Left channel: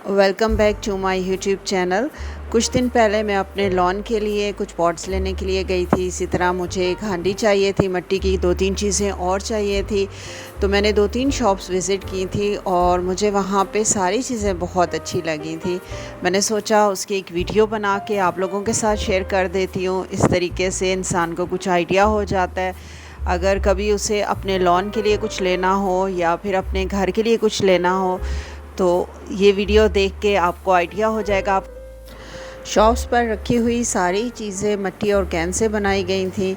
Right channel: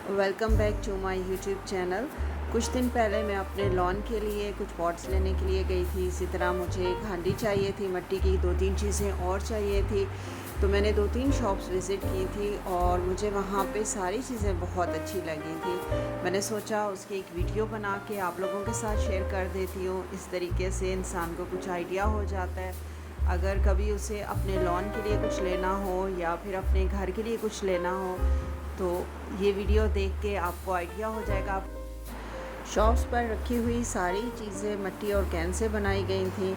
Welcome back to my YouTube channel. कुछ दिन पहले मैं अपने लॉन के लिए कुछ पॉट्स लेने के लिए गई थी। इसी तरह मुझे एक हांडी चाहिए थी, मिट्टी की 2-3 चीज़ें और चाहिए थी। तो मैंने 2-3 शॉप्स विज़िट की थी और मुझे वहाँ पे सारी चीज़ें बहुत अच्छी लगी थी। मैंने सोचा उसकी एक वीडियो बना के आप लोगों के साथ शेयर कर देती हूँ। इस तरीके से इंसान को कुछ आइडिया हो जाता है। अगर कभी उसे अपने लॉन के लिए कुछ लेना हो या फिर अपने घर के लिए कुछ लेना हो तो ये वीडियो देख के आपको आइडिया हो जाएगा। आप शॉप्स पर रखी हुई सारी चीज़ें मिट्टी और कैन से बनाई गई थी।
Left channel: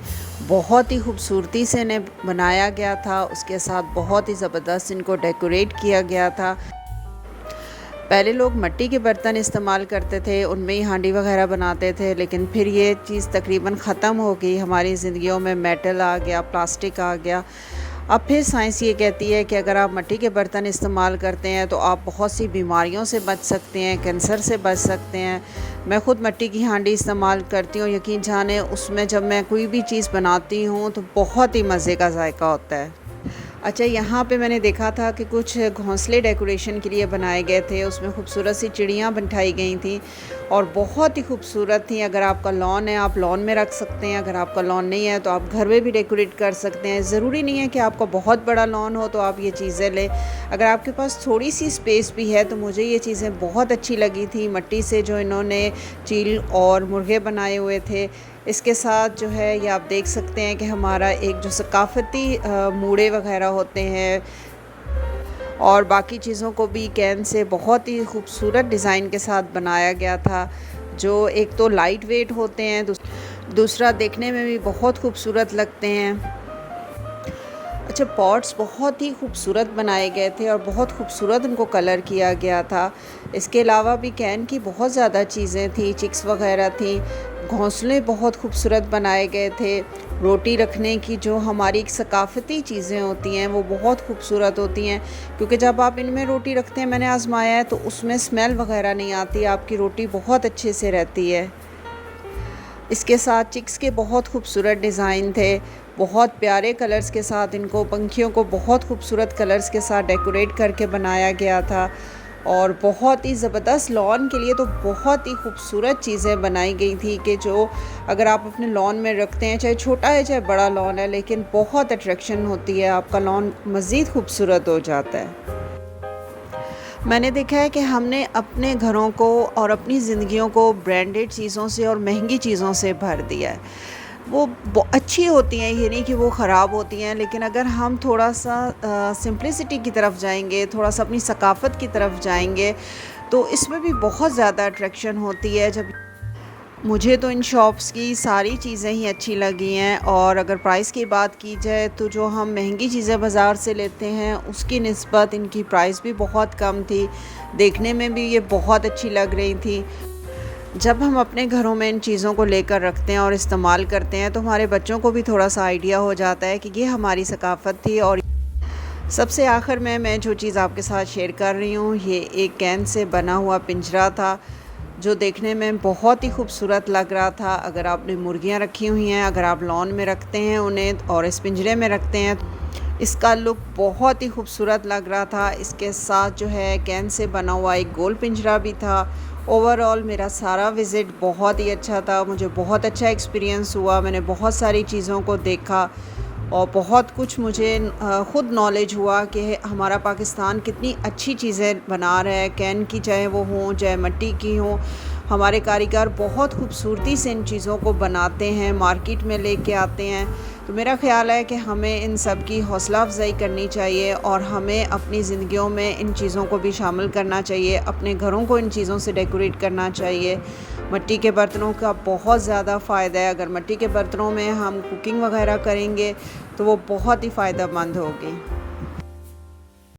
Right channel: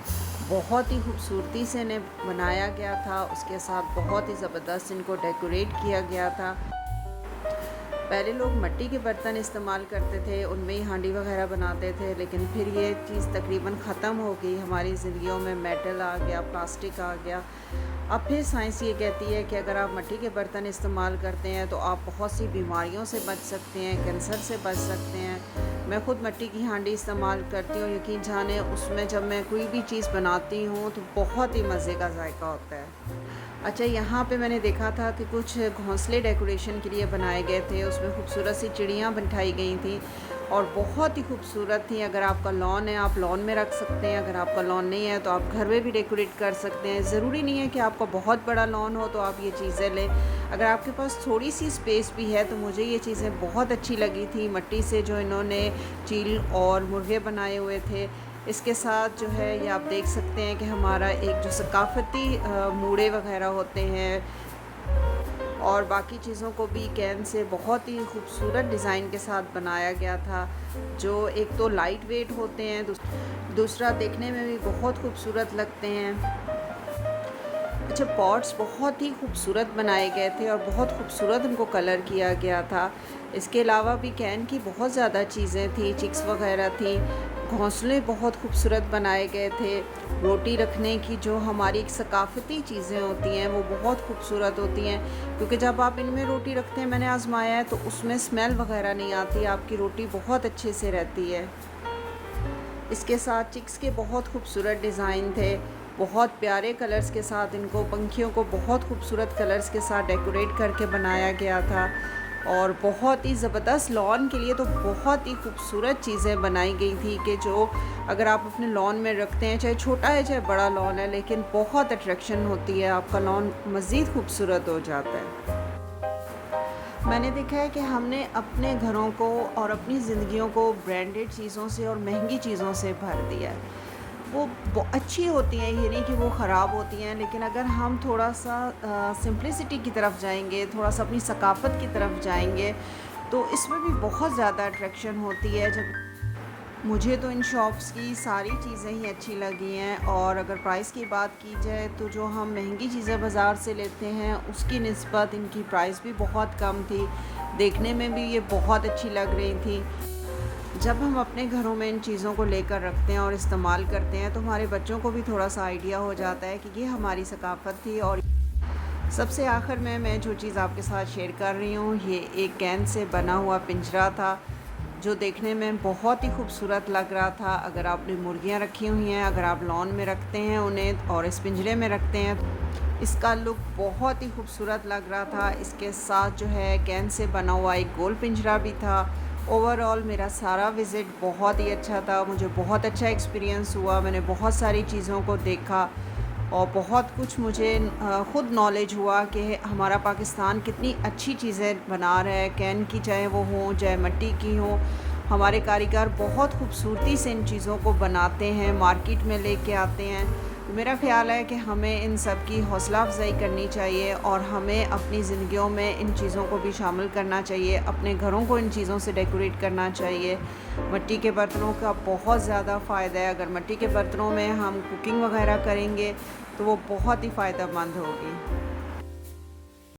बहुत ही खूबसूरती से इन्हें बनाया गया था, उसके साथ बहुत ही ज़बरदस्त इनको डेकोरेट किया गया था। पहले लोग मिट्टी के बर्तन इस्तेमाल करते थे, उनमें ही हांडी वगैरह बनाते थे, लेकिन फिर ये चीज़ तकरीबन ख़त्म हो गई। हमारी ज़िंदगियों में मेटल आ गया, प्लास्टिक आ गया। अब फिर साइंस ये कहती है कि अगर आप मिट्टी के बर्तन इस्तेमाल करते हैं तो आप बहुत सी बीमारियों से बच सकते हैं, कैंसर से बच सकते हैं। मैं ख़ुद मिट्टी की हांडी इस्तेमाल करती हूँ। यकीन जाने उसमें जब मैं कोई भी चीज़ बनाती हूँ तो बहुत ही मज़े का जायका होता है। अच्छा, यहाँ पे मैंने देखा था कि कुछ घोंसले डेकोरेशन के लिए बनाए गए थे। उसमें खूबसूरत सी चिड़ियाँ बिठाई गई थी और बहुत ही खूबसूरत थी। अगर आपका लॉन है, आप लॉन में रख सकते हैं। अगर आपका लॉन नहीं है तो आप घर में भी डेकोरेट कर सकते हैं। ज़रूरी नहीं है कि आपका बहुत बड़ा लॉन हो तो आप ये चीज़ें लें। अगर आपके पास थोड़ी सी स्पेस भी है तो मुझे ये चीज़ें बहुत अच्छी लगी थी। मिट्टी से जो इन्होंने चील और मुर्गे बनाए हुए थे, इसके साथ जो है ये आप देख सकते हैं कि हमारा एक जो सकाफ़ती मूड़े वगैरह होते हैं और बाकी चीज़ों को भी कैन से बहुत ही खूबसूरत डिज़ाइन के साथ बनाया गया था, जो एक तो लाइट वेट होते हैं, दूसरा देखने में भी बहुत खूबसूरत लगते हैं। अच्छा, पॉट्स बहुत ही खूबसूरत बनाए गए थे और बहुत खूबसूरत उनको कलर किया गया था। इसके अलावा भी कैन की बहुत ज़्यादा चीज़ें थी, चिक्स वगैरह थी। घोंसले बहुत खूबसूरत बनाए गए थे। रोटी रखने की जो हमारी एक सकाफ़ती चीज़ें होती हैं वो बहुत खूबसूरत होती हैं, क्योंकि जब आप इनमें रोटी रखते हैं, मैंने आज़माया है, तो उसमें स्मेल वगैरह नहीं आती, आपकी रोटी बहुत अच्छे से रहती है। इसके साथ चिक्स के बहुत खूबसूरत डिज़ाइन थे, बहुत प्यारे कलर्स के साथ इनको, पंखियों को बहुत खूबसूरत कलर्स के साथ डेकोरेट करके बनाया गया था और बहुत ही ज़बरदस्त लॉन के लिए तो बहुत ही खूबसूरत चीज़ें बनाई गई थी कि जो अगर आप अपने लॉन में रखते हैं, चाहे छोटा है चाहे बड़ा लॉन है, लेकिन बहुत अट्रैक्शन होती है, आपका लॉन मज़ीद खूबसूरत हो जाता है। मैंने देखा है कि हमने अपने घरों को और अपनी ज़िंदगियों को ब्रांडेड चीज़ों से और महंगी चीज़ों से भर दिया है। वो अच्छी होती हैं, ये नहीं कि वो ख़राब होती हैं, लेकिन अगर हम थोड़ा-सा सिंप्लिसिटी की तरफ जाएँगे, थोड़ा-सा अपनी सकाफ़त की तरफ जाएँगे, तो इसमें भी बहुत ज़्यादा अट्रैक्शन होती है। जब मुझे तो इन शॉप्स की सारी चीज़ें ही अच्छी लगी हैं और अगर प्राइस की बात की जाए तो जो हम महंगी चीज़ें बाज़ार से लेते हैं उसकी निस्बत इनकी प्राइस भी बहुत कम थी। देखने में भी ये बहुत अच्छी लग रही थी। जब हम अपने घरों में इन चीज़ों को लेकर रखते हैं और इस्तेमाल करते हैं तो हमारे बच्चों को भी थोड़ा-सा आइडिया हो जाता है कि ये हमारी सकाफ़त थी। और सबसे आखिर में मैं जो चीज़ आपके साथ शेयर कर रही हूँ, ये एक कैन से बना हुआ पिंजरा था, जो देखने में बहुत ही खूबसूरत लग रहा था। अगर आपने मुर्गियाँ रखी हुई हैं, अगर आप लॉन में रखते हैं उन्हें और इस पिंजरे में रखते हैं, इसका लुक बहुत ही खूबसूरत लग रहा था। इसके साथ जो है कैन से बना हुआ एक गोल पिंजरा भी था। ओवरऑल मेरा सारा विज़िट बहुत ही अच्छा था, मुझे बहुत अच्छा एक्सपीरियंस हुआ। मैंने बहुत सारी चीज़ों को देखा और बहुत कुछ मुझे ख़ुद नॉलेज हुआ कि हमारा पाकिस्तान कितनी अच्छी चीज़ें बना रहा है। कैन की चाहे वो हों, चाहे मिट्टी की हों, हमारे कारीगर बहुत खूबसूरती से इन चीज़ों को बनाते हैं, मार्केट में लेके आते हैं। तो मेरा ख़्याल है कि हमें इन सब की हौसला अफ़ज़ाई करनी चाहिए और हमें अपनी ज़िंदगियों में इन चीज़ों को भी शामिल करना चाहिए, अपने घरों को इन चीज़ों से डेकोरेट करना चाहिए। मिट्टी के बर्तनों का बहुत ज़्यादा फ़ायदा है। अगर मिट्टी के बर्तनों में हम कुकिंग वगैरह करेंगे तो वो बहुत ही फ़ायदेमंद होगी।